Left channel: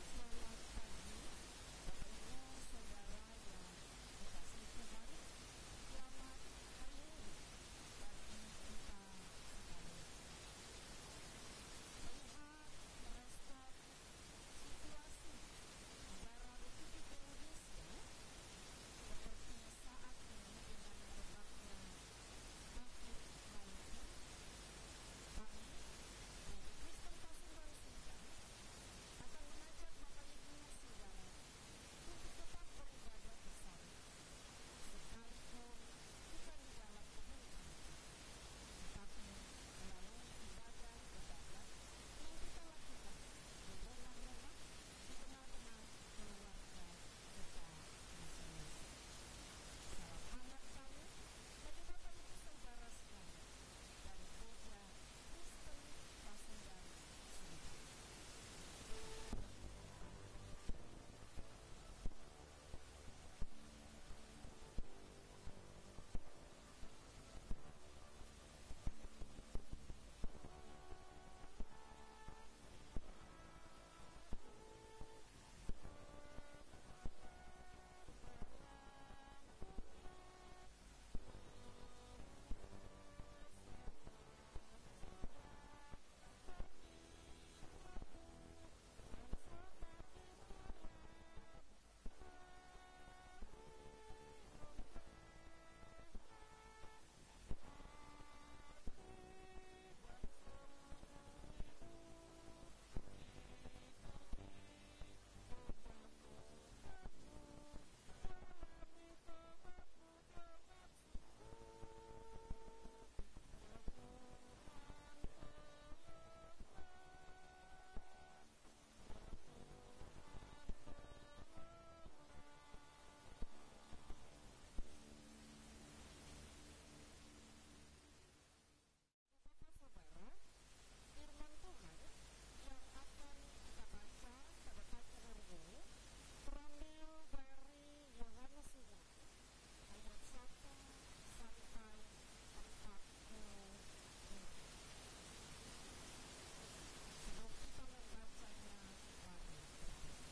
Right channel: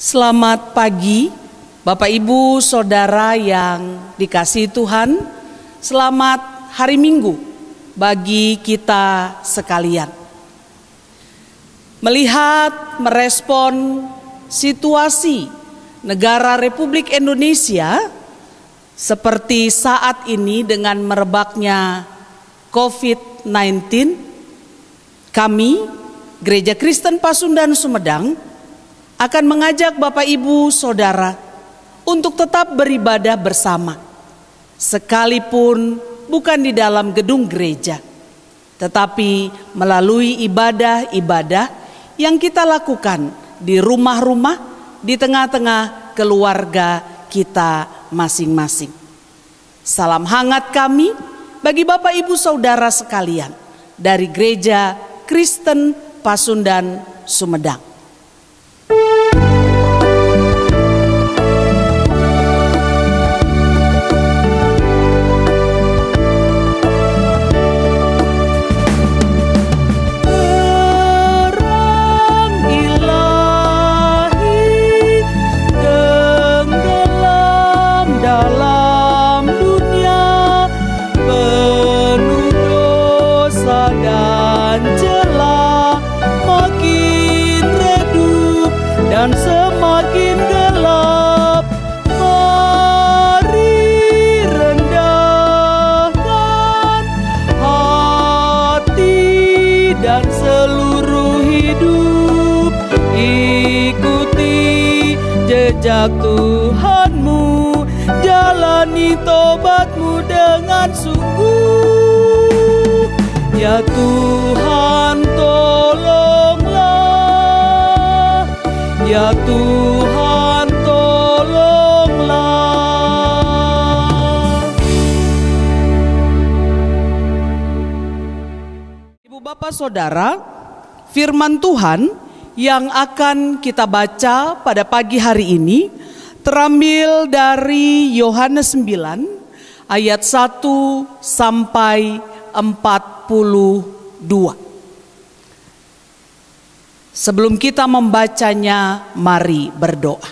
Selamat pagi, Bapak Ibu, Saudara yang dikasihi Tuhan. Selamat hari Minggu bagi kita sekalian. Melihat, merespon situasi negara Republik Indonesia seperti saat ini dengan merebaknya COVID-19, kami, Gereja Kristen Pasundan Sumedang, akan mengajak Bapak Ibu Saudara untuk tetap beribadah bersama, sekalipun bukan di dalam gedung gereja, tetapi melalui ibadah-ibadah yang kita lakukan di rumah-rumah, di tengah-tengah keluarga kita masing-masing. Salam hangat kami bagi Bapak Ibu Saudara sekalian dari Gereja Kristen Pasundan Sumedang. Dan semakin gelap, mari rendahkan hati dan seluruh hidup. Ikuti jejak Tuhanmu, jalani tobatmu dengan sungguh. Ya Tuhan, ya Tuhan, tolonglah. Ibu bapak saudara, firman Tuhan yang akan kita baca pada pagi hari ini terambil dari Yohanes 9 ayat 1 sampai 42. Sebelum kita membacanya, mari berdoa.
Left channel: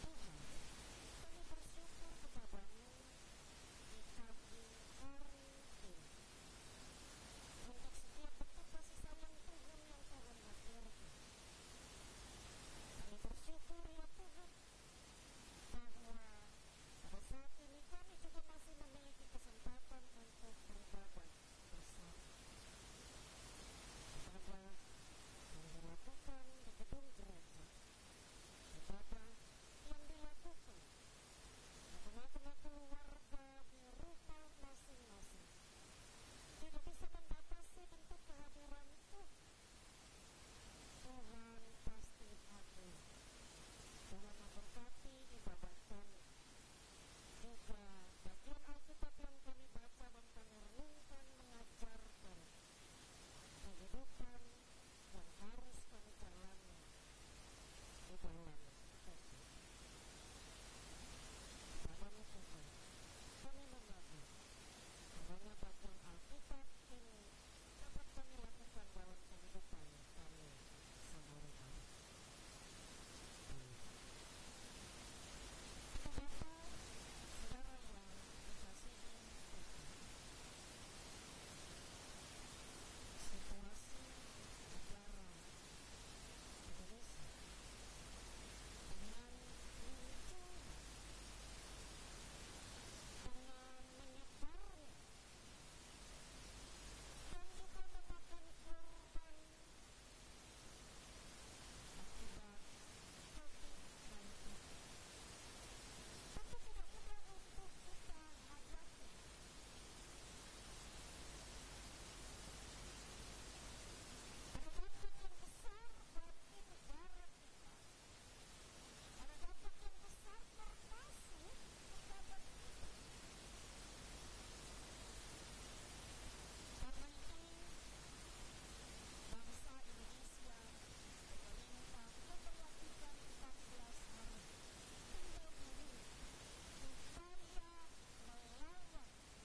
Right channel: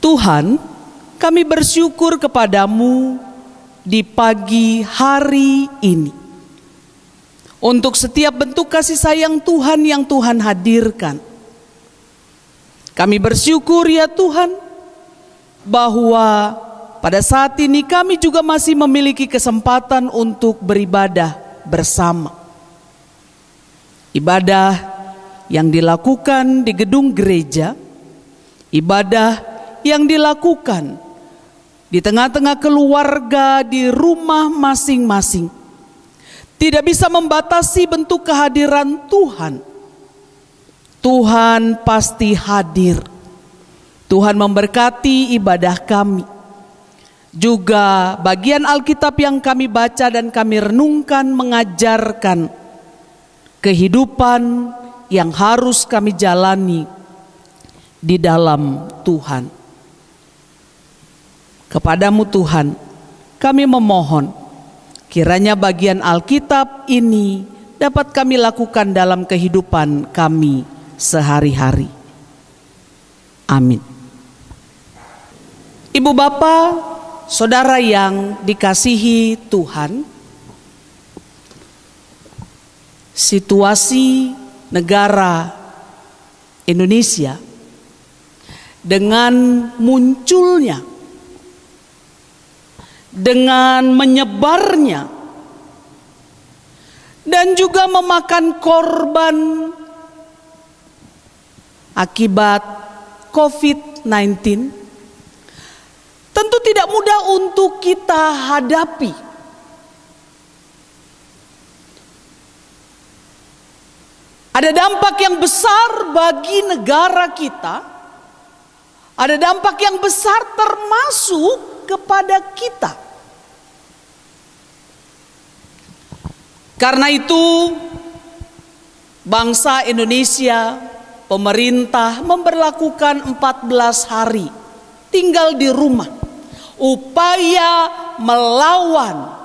Tuhan, kami bersyukur kepadamu di pagi hari ini untuk setiap bentuk kasih sayang Tuhan yang Tuhan hadirkan. Kami bersyukur ya Tuhan bahwa pada saat ini kami juga masih memiliki kesempatan untuk beribadah bersama. Ibadah yang dilakukan di gedung gereja, ibadah yang dilakukan di tengah-tengah keluarga, di rumah masing-masing, tidak bisa membatasi bentuk kehadiran Tuhan. Tuhan pasti hadir. Tuhan memberkati ibadah kami. Juga bagian Alkitab yang kami baca dan kami renungkan mengajarkan kehidupan yang harus kami jalani di dalam Tuhan. Kepadamu Tuhan, kami memohon kiranya bagian Alkitab ini dapat kami lakukan dalam kehidupan kami sehari-hari. Amin. Ibu bapak, saudara yang dikasihi Tuhan, situasi negara Indonesia dengan munculnya, dengan menyebarnya, dan juga memakan korban akibat COVID-19, tentu tidak mudah untuk kita hadapi. Ada dampak yang besar bagi negara kita, ada dampak yang besar termasuk kepada kita. Karena itu, bangsa Indonesia, pemerintah memberlakukan 14 hari tinggal di rumah, upaya melawan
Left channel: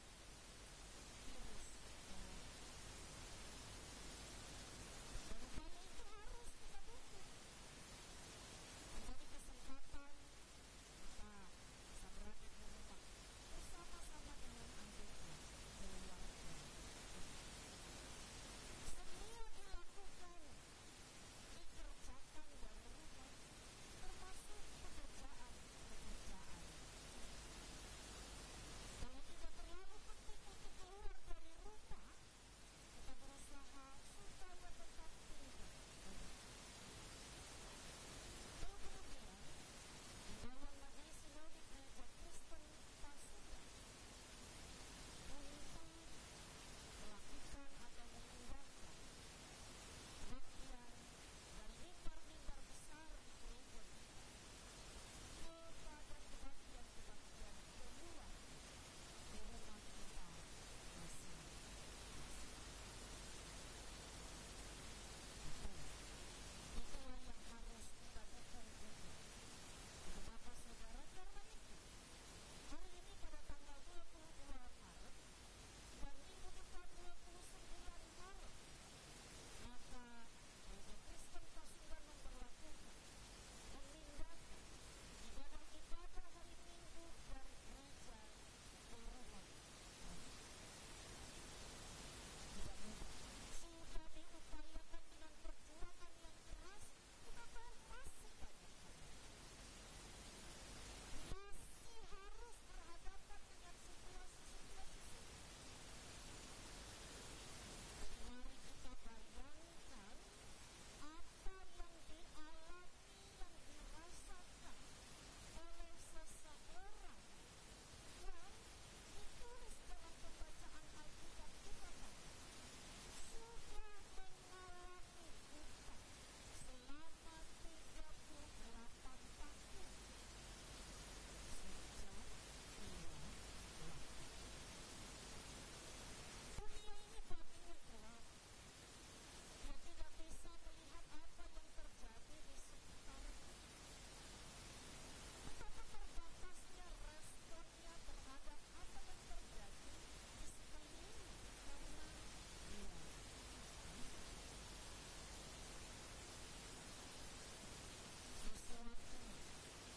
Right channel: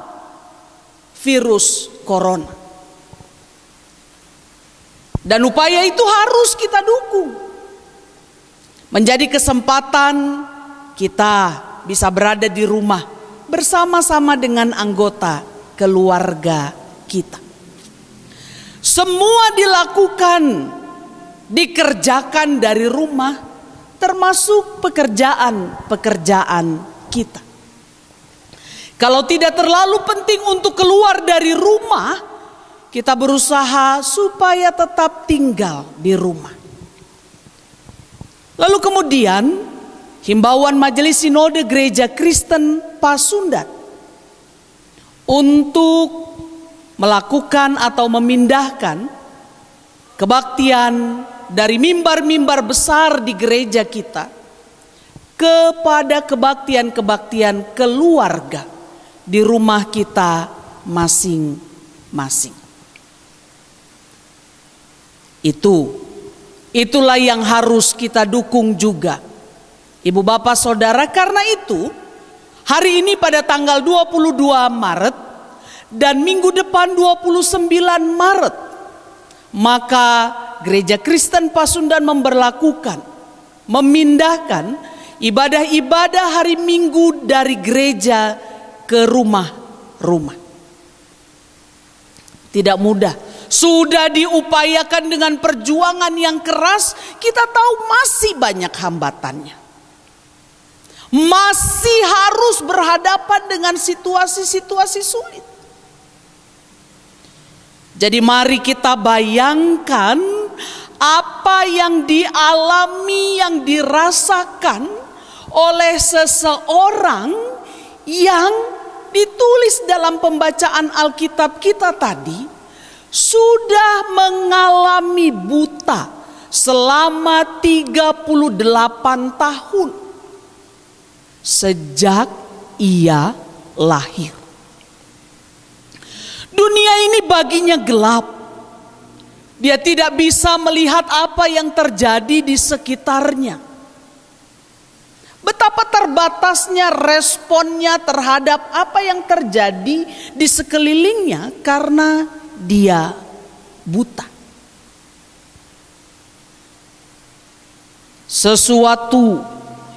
virus corona. Dan upaya itu harus kita dukung. menjadi kesempatan kita bisa berada di rumah bersama-sama dengan anggota keluarga kita. Semua dilakukan, dikerjakan dari rumah, termasuk pekerjaan-pekerjaan kita. Kalau tidak terlalu penting untuk keluar dari rumah, kita berusaha supaya tetap tinggal di rumah. Lalu kemudian himbauan Majelis Sinode Gereja Kristen Pasundan untuk melakukan atau memindahkan kebaktian dari mimbar-mimbar besar di gereja kita kepada kebaktian-kebaktian keluarga di rumah kita masing-masing. Itulah yang harus kita dukung juga, Ibu Bapak Saudara. Karena itu hari ini pada tanggal 22 Maret dan minggu depan 29 Maret, maka Gereja Kristen Pasundan memindahkan ibadah-ibadah hari Minggu dari gereja ke rumah-rumah. Tidak mudah. Sudah diupayakan dengan perjuangan yang keras, kita tahu masih banyak hambatannya. Masih harus berhadapan dengan situasi-situasi sulit. Jadi mari kita bayangkan apa yang dialami, yang dirasakan oleh seseorang yang ditulis dalam pembacaan Alkitab kita tadi, sudah mengalami buta selama 38 tahun sejak ia lahir. Dunia ini baginya gelap. Dia tidak bisa melihat apa yang terjadi di sekitarnya. Betapa terbatasnya responnya terhadap apa yang terjadi di sekelilingnya karena dia buta. Sesuatu,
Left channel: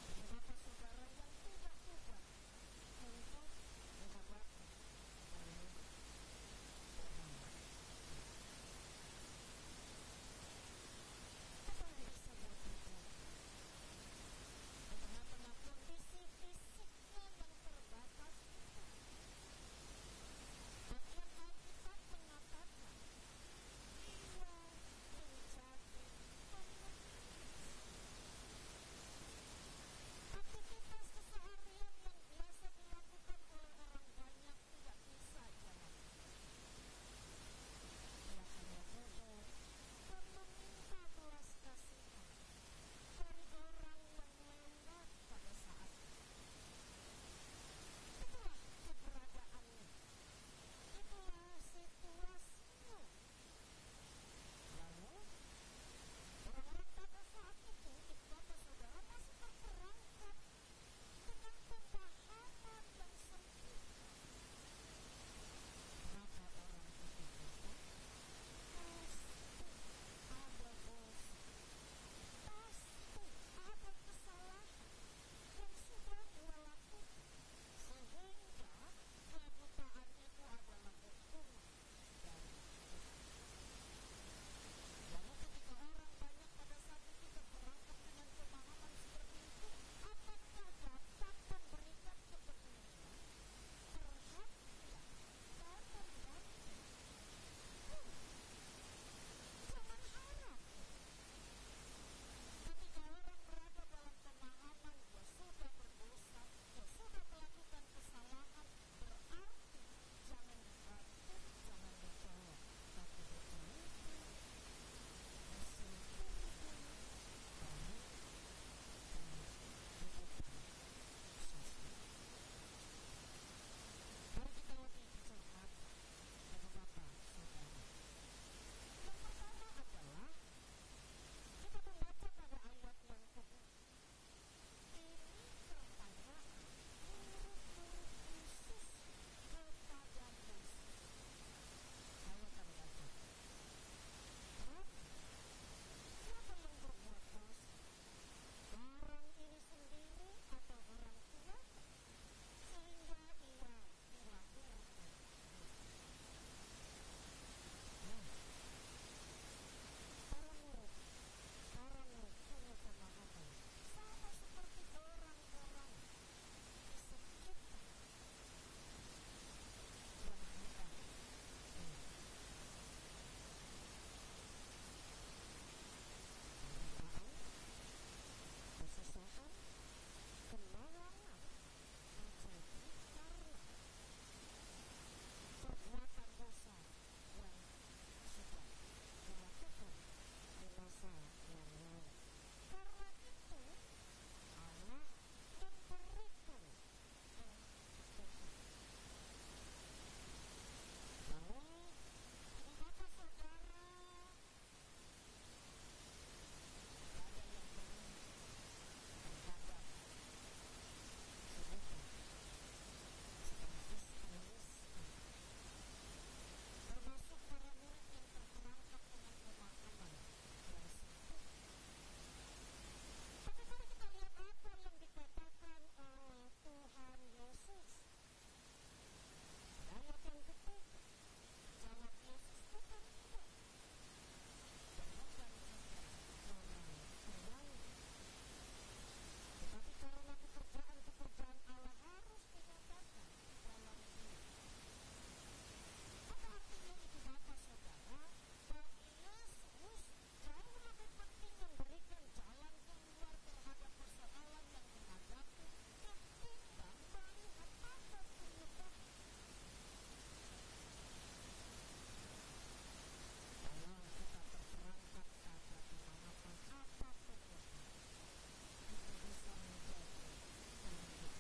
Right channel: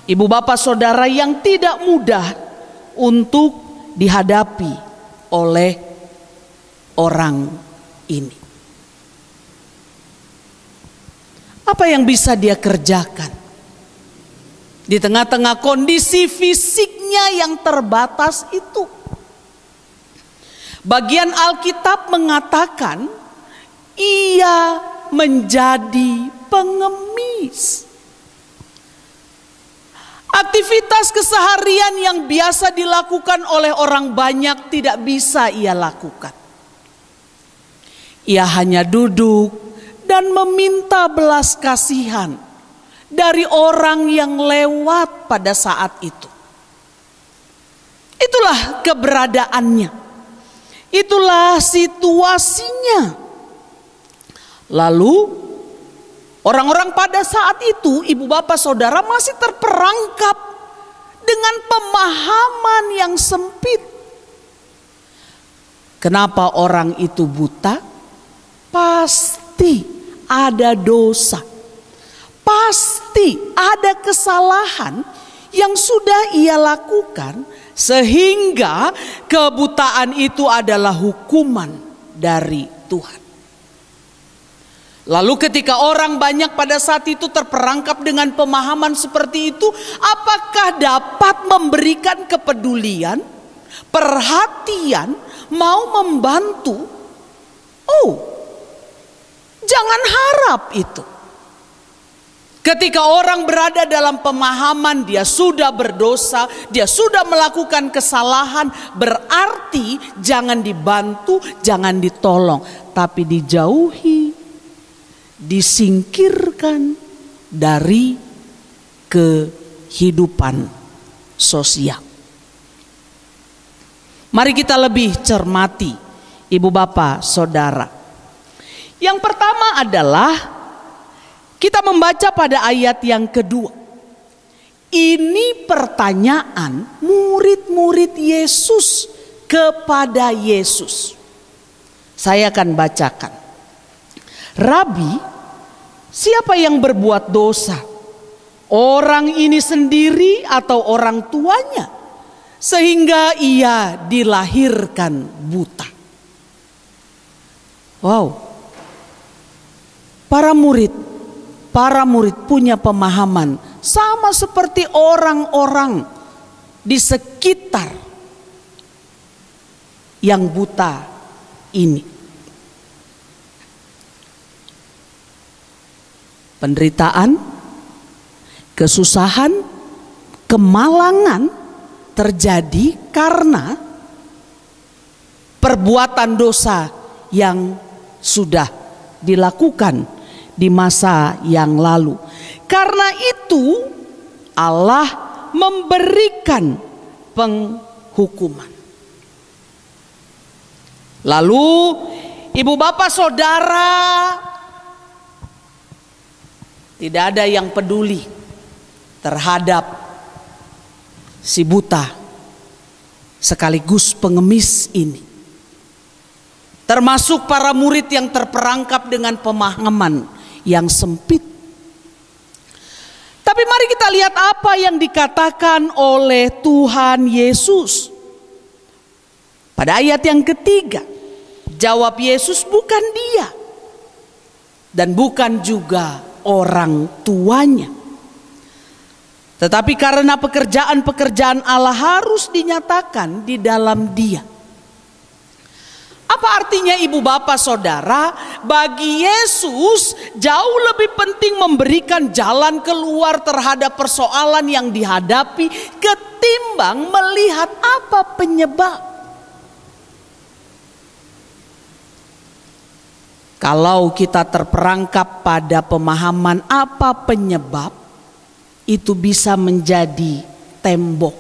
Ibu Bapak Saudara, yang tidak mudah untuk dihadapi oleh orang ini. Apa yang bisa dia kerjakan di tengah-tengah kondisi fisiknya yang terbatas itu? Bagian Alkitab mengatakan ia menjadi pengemis. Aktivitas keseharian yang biasa dilakukan oleh orang banyak tidak bisa ia lakukan. Ia hanya duduk dan meminta belas kasihan dari orang yang lewat pada saat itu. Itulah keberadaannya. Itulah situasinya. Lalu orang-orang pada saat itu, Ibu Bapak Saudara, masih terperangkap dengan pemahaman yang sempit. Kenapa orang itu buta? Pasti ada dosa. Pasti ada kesalahan yang sudah ia lakukan, sehingga kebutaan itu adalah hukuman dari Tuhan. Lalu ketika orang banyak pada saat itu terperangkap dengan pemahaman seperti itu, apakah dapat memberikan kepedulian, perhatian, mau membantu? Oh, jangan harap itu. Ketika orang berada dalam pemahaman dia sudah berdosa, dia sudah melakukan kesalahan, berarti jangan dibantu, jangan ditolong, tapi dijauhi, disingkirkan dari kehidupan sosial. Mari kita lebih cermati, Ibu Bapak Saudara. Yang pertama adalah kita membaca pada ayat yang kedua. Ini pertanyaan murid-murid Yesus kepada Yesus. Saya akan bacakan. Rabi, siapa yang berbuat dosa? orang ini sendiri atau orang tuanya, sehingga ia dilahirkan buta. Wow, para murid punya pemahaman sama seperti orang-orang di sekitar yang buta ini. Penderitaan, kesusahan, kemalangan terjadi karena perbuatan dosa yang sudah dilakukan di masa yang lalu. Karena itu Allah memberikan penghukuman. Lalu ibu bapak saudara, tidak ada yang peduli terhadap si buta sekaligus pengemis ini. Termasuk para murid yang terperangkap dengan pemahaman yang sempit. Tapi mari kita lihat apa yang dikatakan oleh Tuhan Yesus. Pada ayat yang ketiga, jawab Yesus, bukan dia dan bukan juga orang tuanya, tetapi karena pekerjaan-pekerjaan Allah harus dinyatakan di dalam dia. Apa artinya ibu bapak saudara? Bagi Yesus jauh lebih penting memberikan jalan keluar terhadap persoalan yang dihadapi ketimbang melihat apa penyebab. Kalau kita terperangkap pada pemahaman apa penyebab, itu bisa menjadi tembok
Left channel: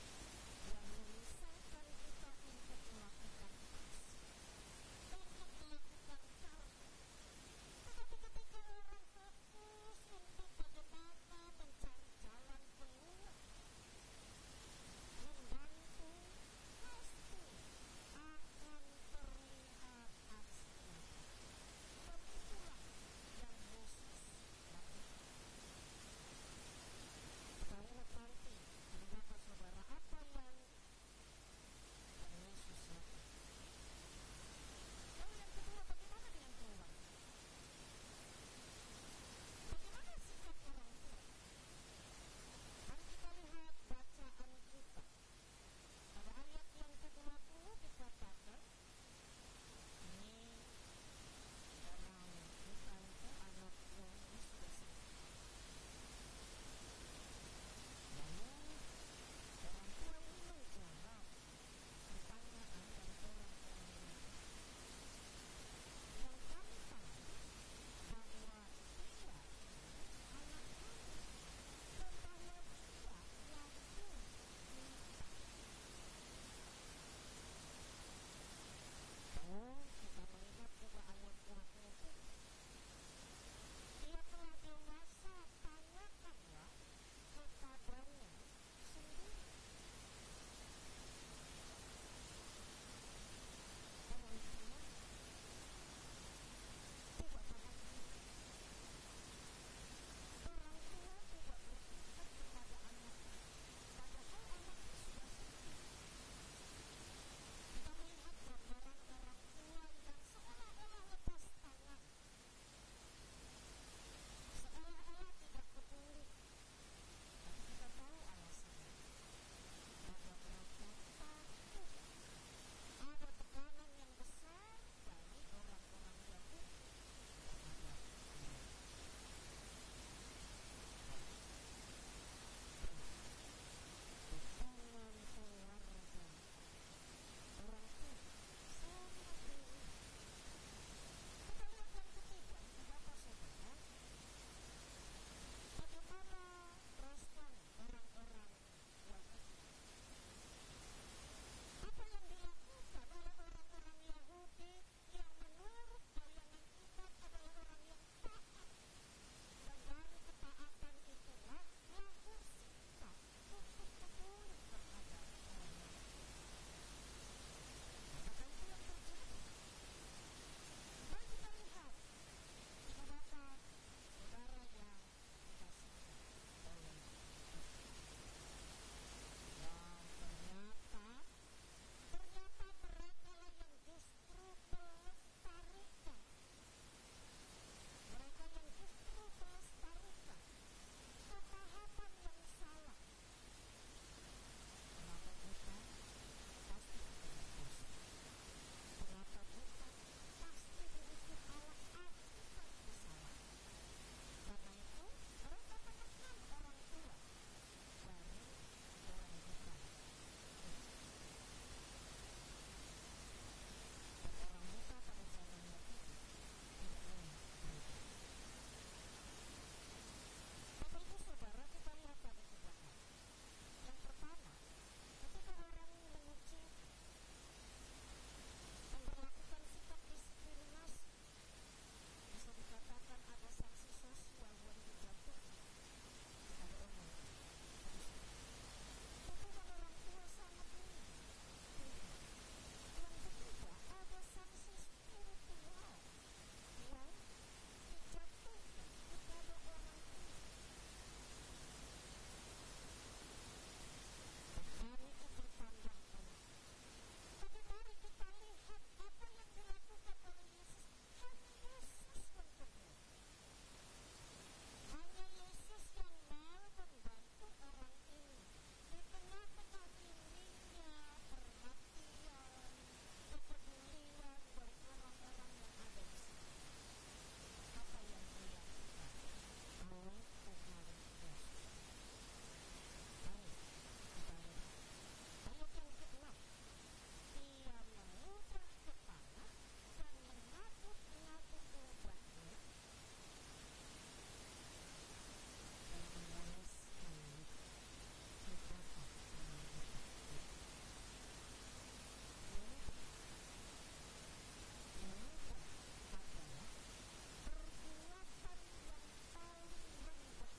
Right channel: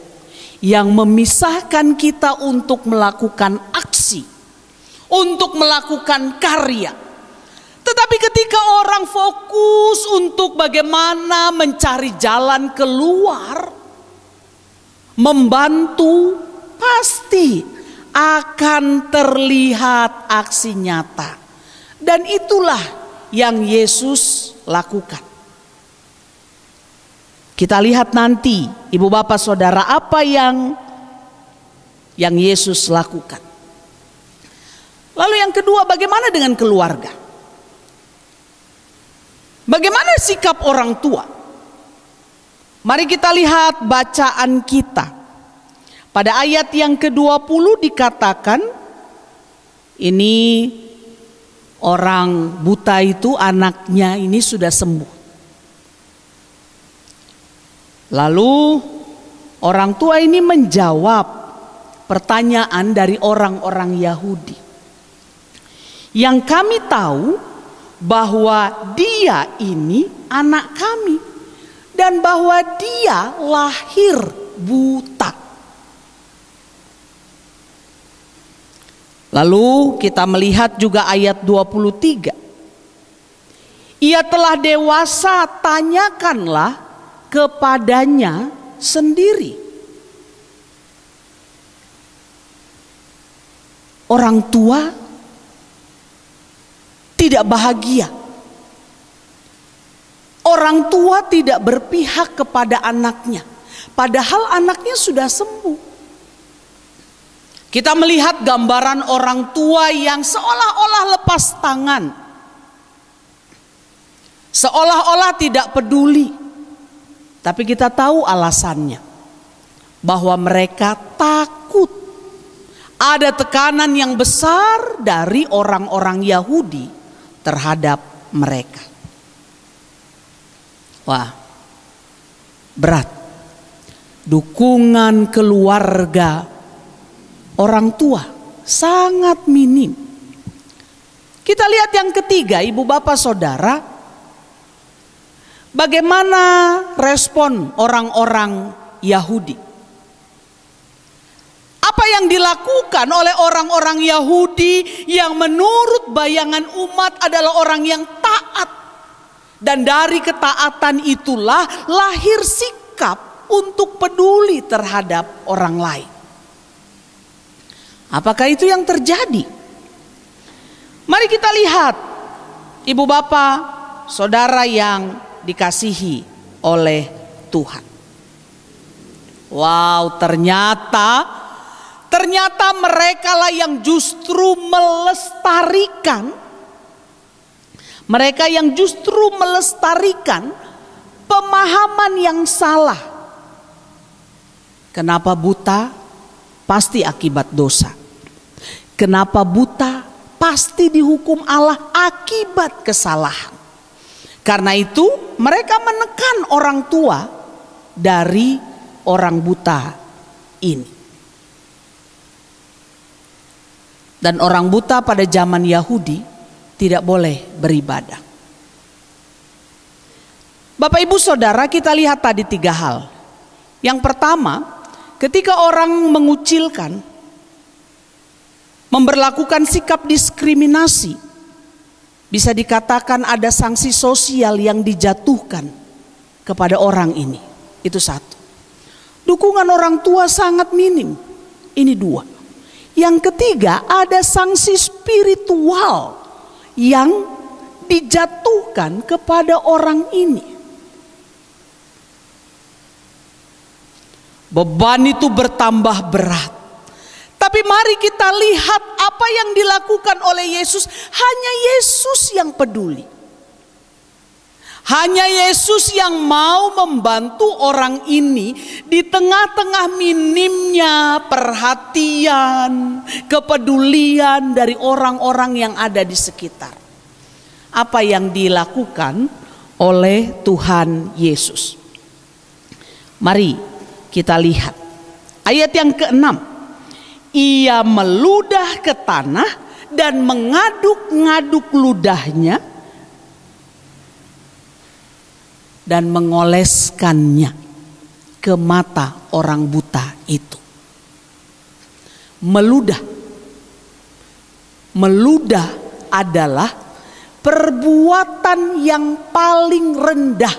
yang memisahkan kita untuk melakukan aksi, untuk melakukan karya. Tetapi ketika orang fokus untuk bagaimana mencari jalan keluar, membantu, pasti akan terlihat aksi nyata. Dan itulah yang Yesus lakukan. Kita lihat nanti ibu bapak saudara apa yang Yesus lakukan. Lalu yang kedua, bagaimana dengan keluarga? Bagaimana sikap orang tua? Mari kita lihat bacaan kita. Pada ayat yang ke-20 dikatakan, ini orang buta itu anaknya ini sudah sembuh. Lalu orang tua ini menjawab pertanyaan dari orang-orang Yahudi. Yang kami tahu bahwa dia ini anak kami dan bahwa dia lahir buta. Lalu kita melihat juga ayat 23. Ia telah dewasa, tanyakanlah kepadanya sendiri. Orang tua tidak bahagia. Orang tua tidak berpihak kepada anaknya, padahal anaknya sudah sembuh. Kita melihat gambaran orang tua yang seolah-olah lepas tangan, seolah-olah tidak peduli. Tapi kita tahu alasannya, bahwa mereka takut. Ada tekanan yang besar dari orang-orang Yahudi terhadap mereka. Wah, berat. Dukungan keluarga orang tua sangat minim. Kita lihat yang ketiga, ibu bapak saudara, bagaimana respon orang-orang Yahudi. Apa yang dilakukan oleh orang-orang Yahudi yang menurut bayangan umat adalah orang yang taat. Dan dari ketaatan itulah lahir sikap untuk peduli terhadap orang lain. Apakah itu yang terjadi? Mari kita lihat, ibu bapak, saudara yang dikasihi oleh Tuhan. Wow, ternyata mereka lah yang justru melestarikan. Mereka yang justru melestarikan pemahaman yang salah. Kenapa buta? Pasti akibat dosa. Kenapa buta? Pasti dihukum Allah akibat kesalahan. Karena itu mereka menekan orang tua dari orang buta ini. Dan orang buta pada zaman Yahudi tidak boleh beribadah. Bapak Ibu Saudara, kita lihat tadi 3 hal. Yang pertama, ketika orang mengucilkan, memberlakukan sikap diskriminasi, bisa dikatakan ada sanksi sosial yang dijatuhkan kepada orang ini. Itu satu. Dukungan orang tua sangat minim. Ini 2. Yang ketiga, ada sanksi spiritual yang dijatuhkan kepada orang ini. Beban itu bertambah berat. Tapi mari kita lihat apa yang dilakukan oleh Yesus. Hanya Yesus yang peduli. Hanya Yesus yang mau membantu orang ini di tengah-tengah minimnya perhatian, kepedulian dari orang-orang yang ada di sekitar. Apa yang dilakukan oleh Tuhan Yesus? Mari kita lihat ayat yang ke-6. Ia meludah ke tanah dan mengaduk-ngaduk ludahnya dan mengoleskannya ke mata orang buta itu. Meludah. Meludah adalah perbuatan yang paling rendah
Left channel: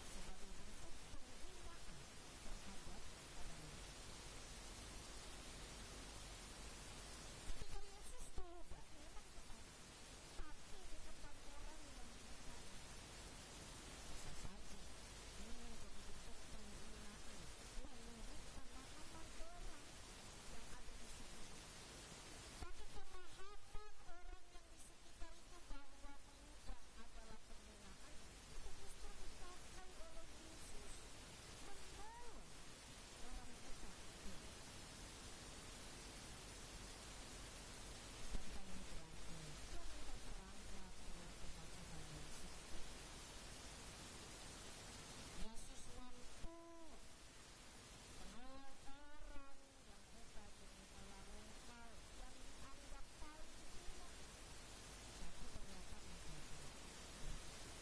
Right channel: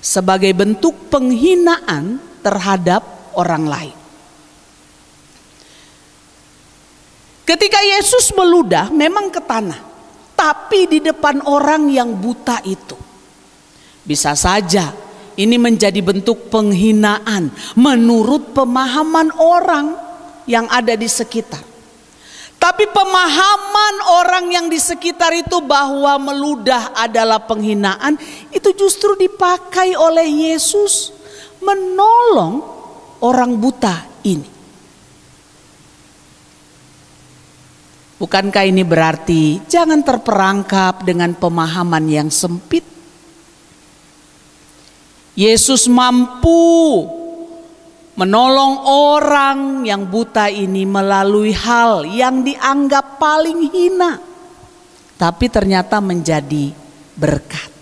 sebagai bentuk penghinaan terhadap orang lain. Ketika Yesus meludah memang ke tanah, tapi di depan orang yang buta itu. Bisa saja ini menjadi bentuk penghinaan menurut pemahaman orang yang ada di sekitar. Tapi pemahaman orang yang di sekitar itu bahwa meludah adalah penghinaan, itu justru dipakai oleh Yesus menolong orang buta ini. Bukankah ini berarti jangan terperangkap dengan pemahaman yang sempit? Yesus mampu menolong orang yang buta ini melalui hal yang dianggap paling hina, tapi ternyata menjadi berkat.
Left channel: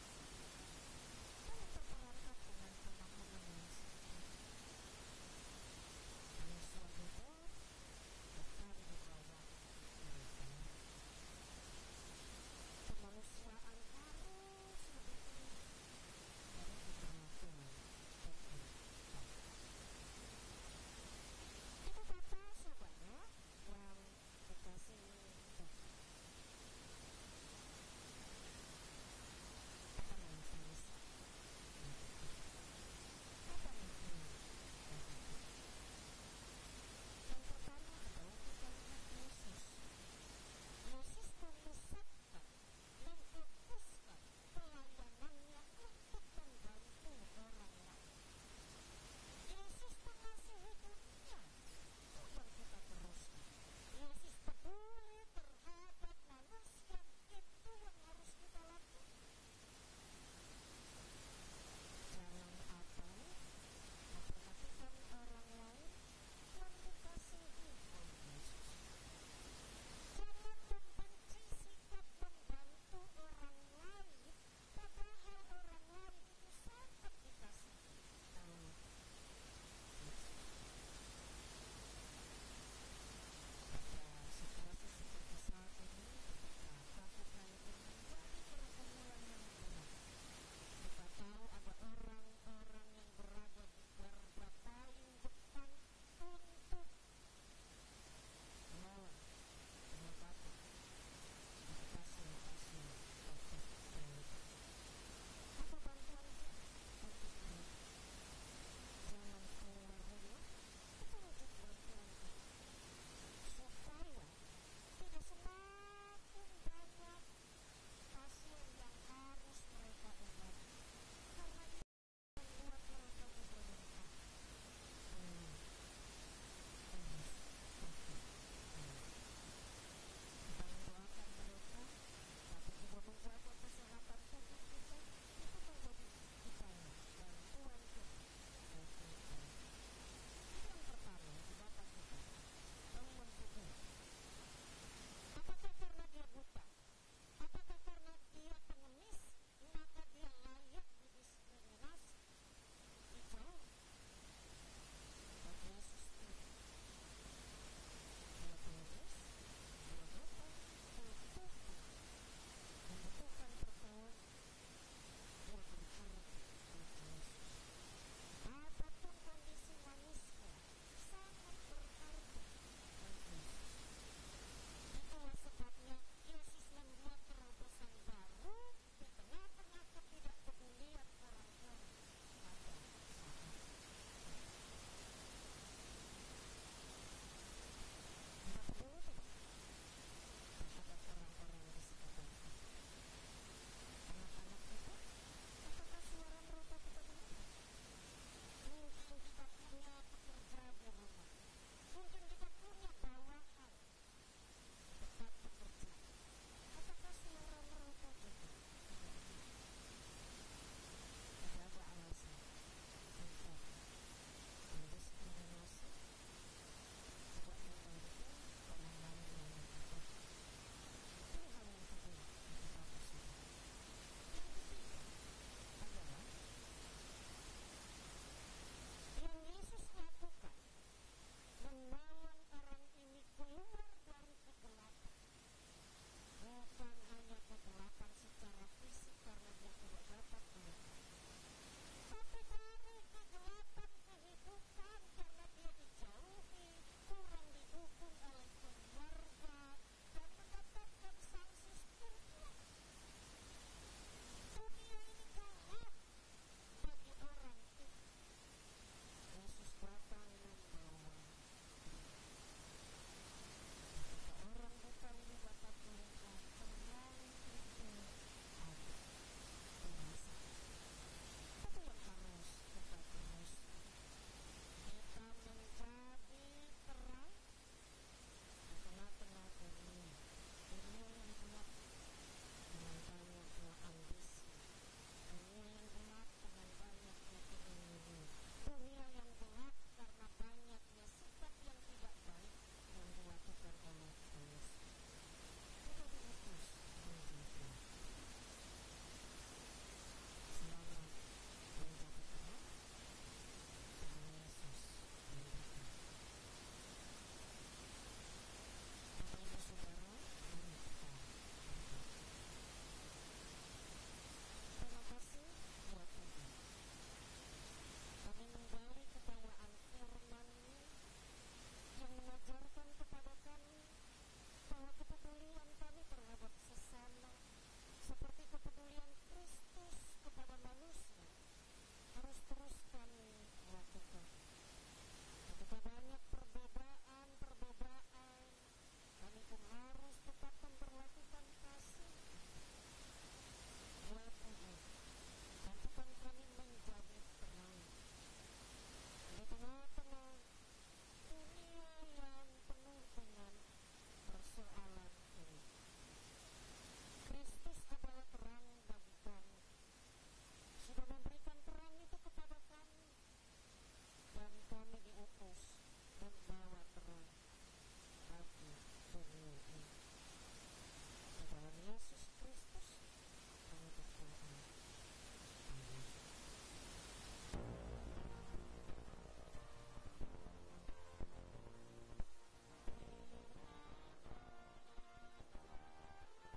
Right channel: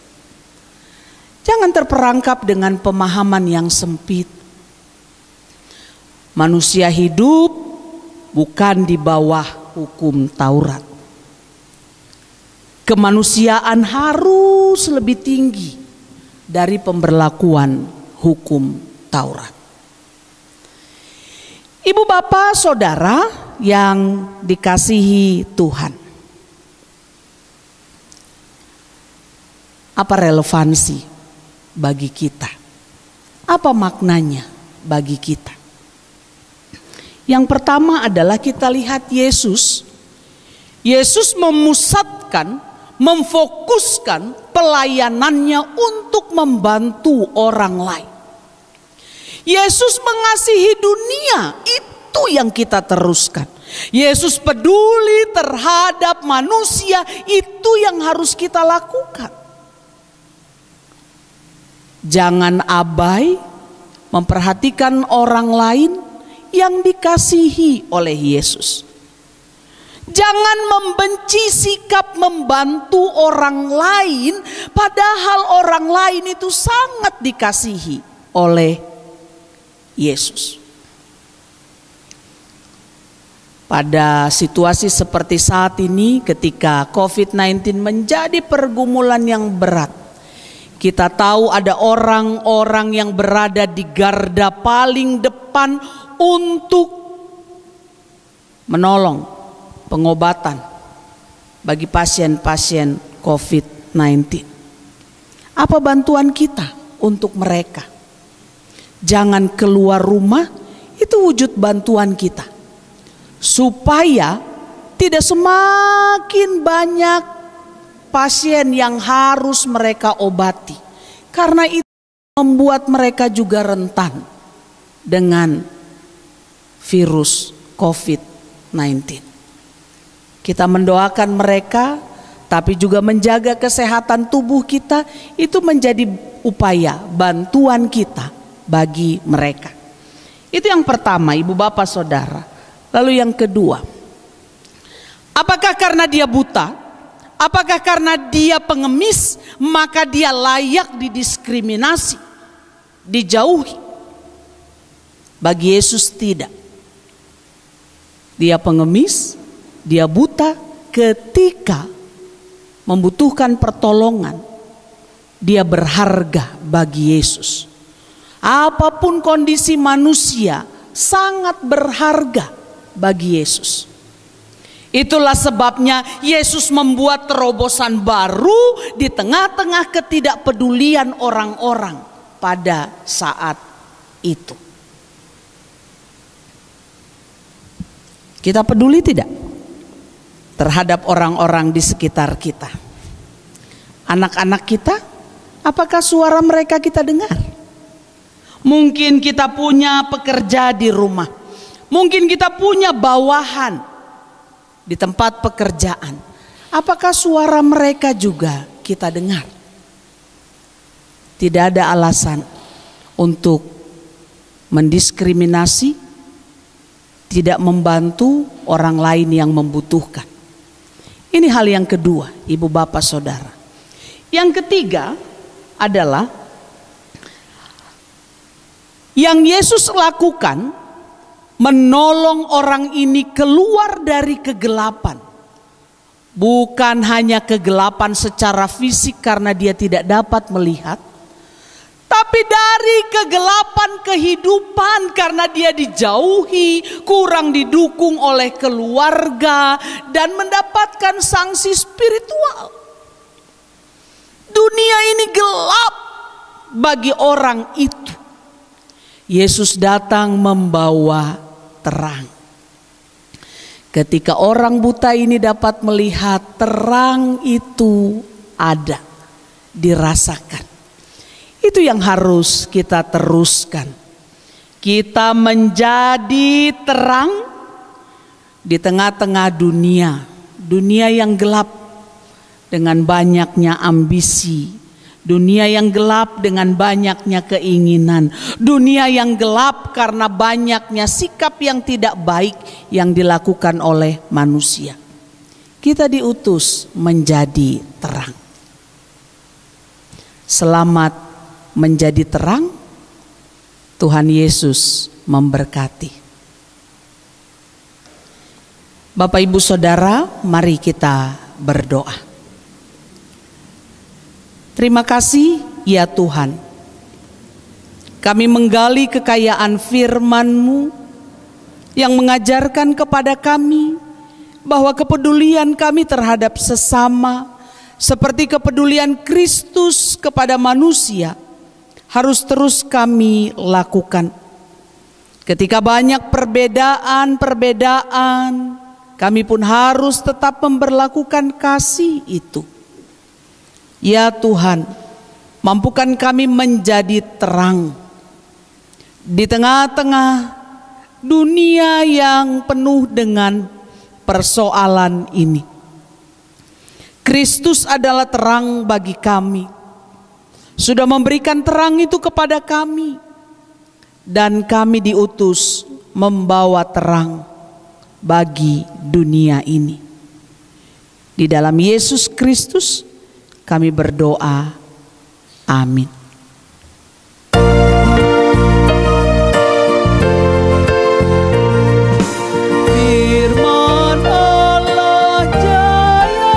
Jangan terperangkap dengan pemahaman yang sempit. Manusia hidup bukan di bawah hukum Taurat. Kemanusiaan harus lebih tinggi dari pemberlakuan hukum Taurat. Ibu bapak saudara yang dikasihi Tuhan. Apa relevansi bagi kita? Apa maknanya bagi kita? Yang pertama adalah kita lihat Yesus. Yesus memusatkan, memfokuskan pelayanannya untuk membantu orang lain. Yesus mengasihi dunia, itu yang kita teruskan. Yesus peduli terhadap manusia, itu yang harus kita lakukan. Jangan abai memperhatikan orang lain yang dikasihi oleh Yesus. Jangan membenci sikap membantu orang lain, padahal orang lain itu sangat dikasihi oleh Yesus. Pada situasi seperti saat ini, ketika COVID-19 menjadi pergumulan yang berat, kita tahu ada orang-orang yang berada di garda paling depan untuk menolong pengobatan bagi pasien-pasien COVID-19. Apa bantuan kita untuk mereka? Jangan keluar rumah, itu wujud bantuan kita. Supaya tidak semakin banyak pasien yang harus mereka obati. Karena itu membuat mereka juga rentan dengan virus COVID-19. Kita mendoakan mereka, tapi juga menjaga kesehatan tubuh kita, itu menjadi upaya bantuan kita bagi mereka. Itu yang pertama, Ibu Bapak Saudara. Lalu yang kedua, apakah karena dia buta, apakah karena dia pengemis, maka dia layak didiskriminasi, dijauhi? Bagi Yesus tidak. Dia pengemis, dia buta, ketika membutuhkan pertolongan, dia berharga bagi Yesus. Apapun kondisi manusia, sangat berharga bagi Yesus. Itulah sebabnya Yesus membuat terobosan baru di tengah-tengah ketidakpedulian orang-orang pada saat itu. Kita peduli tidak terhadap orang-orang di sekitar kita? Anak-anak kita, apakah suara mereka kita dengar? Mungkin kita punya pekerja di rumah, mungkin kita punya bawahan di tempat pekerjaan. Apakah suara mereka juga kita dengar? Tidak ada alasan untuk mendiskriminasi, tidak membantu orang lain yang membutuhkan. Ini hal yang kedua, Ibu Bapak Saudara. Yang ketiga adalah yang Yesus lakukan, menolong orang ini keluar dari kegelapan. Bukan hanya kegelapan secara fisik karena dia tidak dapat melihat, tapi dari kegelapan kehidupan karena dia dijauhi, kurang didukung oleh keluarga, dan mendapatkan sanksi spiritual. Dunia ini gelap bagi orang itu. Yesus datang membawa terang. Ketika orang buta ini dapat melihat, terang itu ada, dirasakan. Itu yang harus kita teruskan. Kita menjadi terang di tengah-tengah dunia. Dunia yang gelap dengan banyaknya ambisi. Dunia yang gelap dengan banyaknya keinginan. Dunia yang gelap karena banyaknya sikap yang tidak baik yang dilakukan oleh manusia. Kita diutus menjadi terang. Selamat menjadi terang. Tuhan Yesus memberkati. Bapak Ibu Saudara, mari kita berdoa. Terima kasih ya Tuhan. Kami menggali kekayaan firman-Mu yang mengajarkan kepada kami bahwa kepedulian kami terhadap sesama seperti kepedulian Kristus kepada manusia harus terus kami lakukan. Ketika banyak perbedaan, kami pun harus tetap memberlakukan kasih itu. Ya Tuhan, mampukan kami menjadi terang di tengah-tengah dunia yang penuh dengan persoalan ini. Kristus adalah terang bagi kami. Sudah memberikan terang itu kepada kami. Dan kami diutus membawa terang bagi dunia ini. Di dalam Yesus Kristus kami berdoa, amin. Firman Allah jaya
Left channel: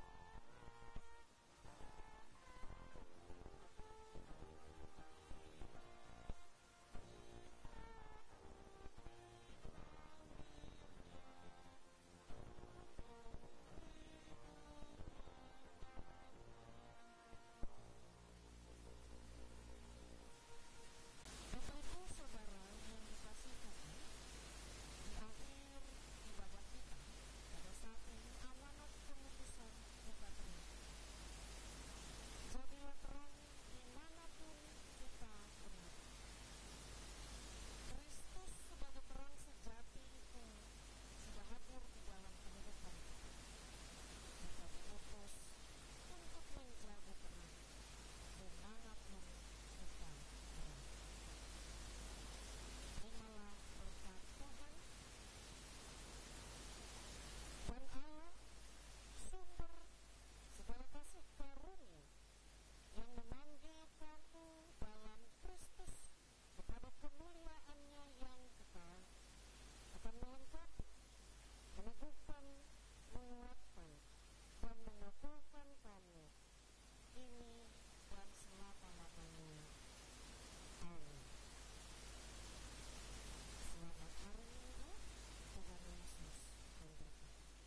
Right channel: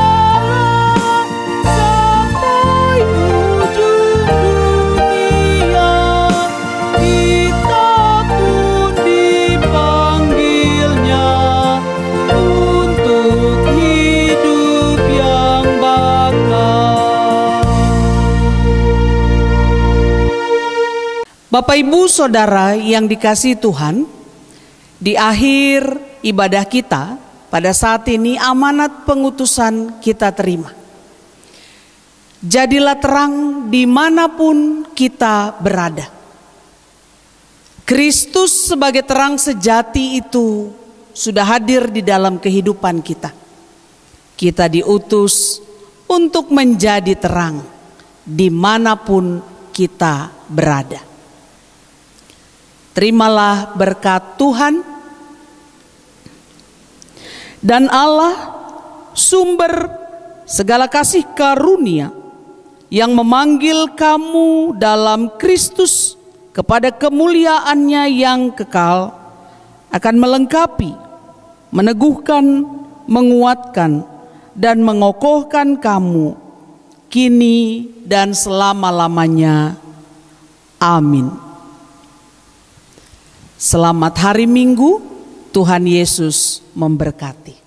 sampai ujung dunia, kita pun dipanggilnya untuk hidup yang bakal. Bapak Ibu Saudara yang dikasihi Tuhan, di akhir ibadah kita pada saat ini amanat pengutusan kita terima. Jadilah terang dimanapun kita berada. Kristus sebagai terang sejati itu sudah hadir di dalam kehidupan kita. Kita diutus untuk menjadi terang dimanapun kita berada. Terimalah berkat Tuhan dan Allah, sumber segala kasih karunia, yang memanggil kamu dalam Kristus kepada kemuliaan-Nya yang kekal, akan melengkapi, meneguhkan, menguatkan, dan mengokohkan kamu kini dan selama-lamanya. Amin. Selamat hari Minggu, Tuhan Yesus memberkati.